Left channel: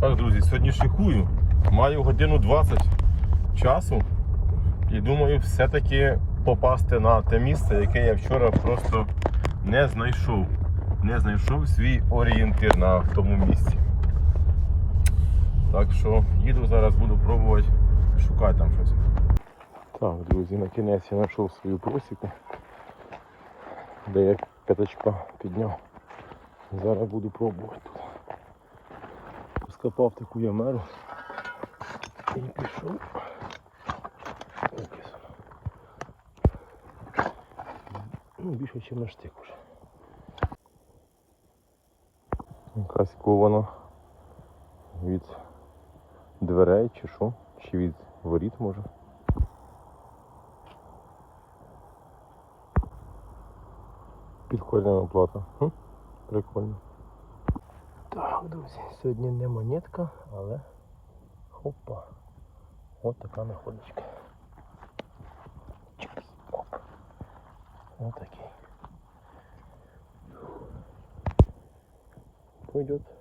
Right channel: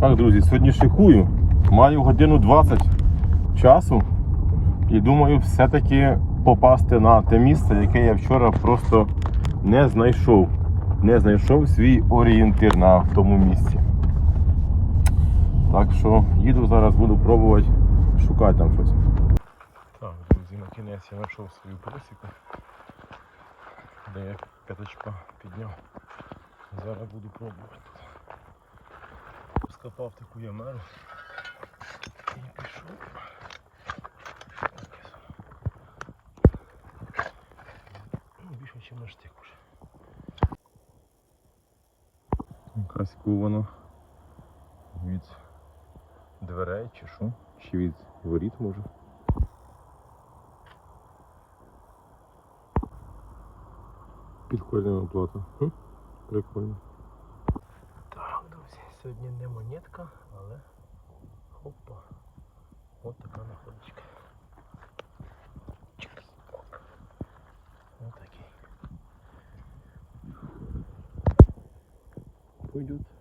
Так, друзі, сьогодні шикую. Маю годину 20 часу. І думаю, все-таки попасти на те місце, яке я вчора просто не знайшов. Не знайшов свій орієнтир на тому місці. Так що їду зараз, буду пробувати шукати там щось. Так, друзі, на кінець я знайшов свою просіку, де я каточка підняв. Зараз буду пробувати. Скопав таку ямеру. І пішов. Ну, більше, ніж на штик уже. Якась кована від дверей чи що? Чи від воріт може? Підкольна оплата. Хм? Прикольно. Так, друзі, сьогодні не монетка, але хопа. Ось така находочка. Оп. Ось такі. Пойдет.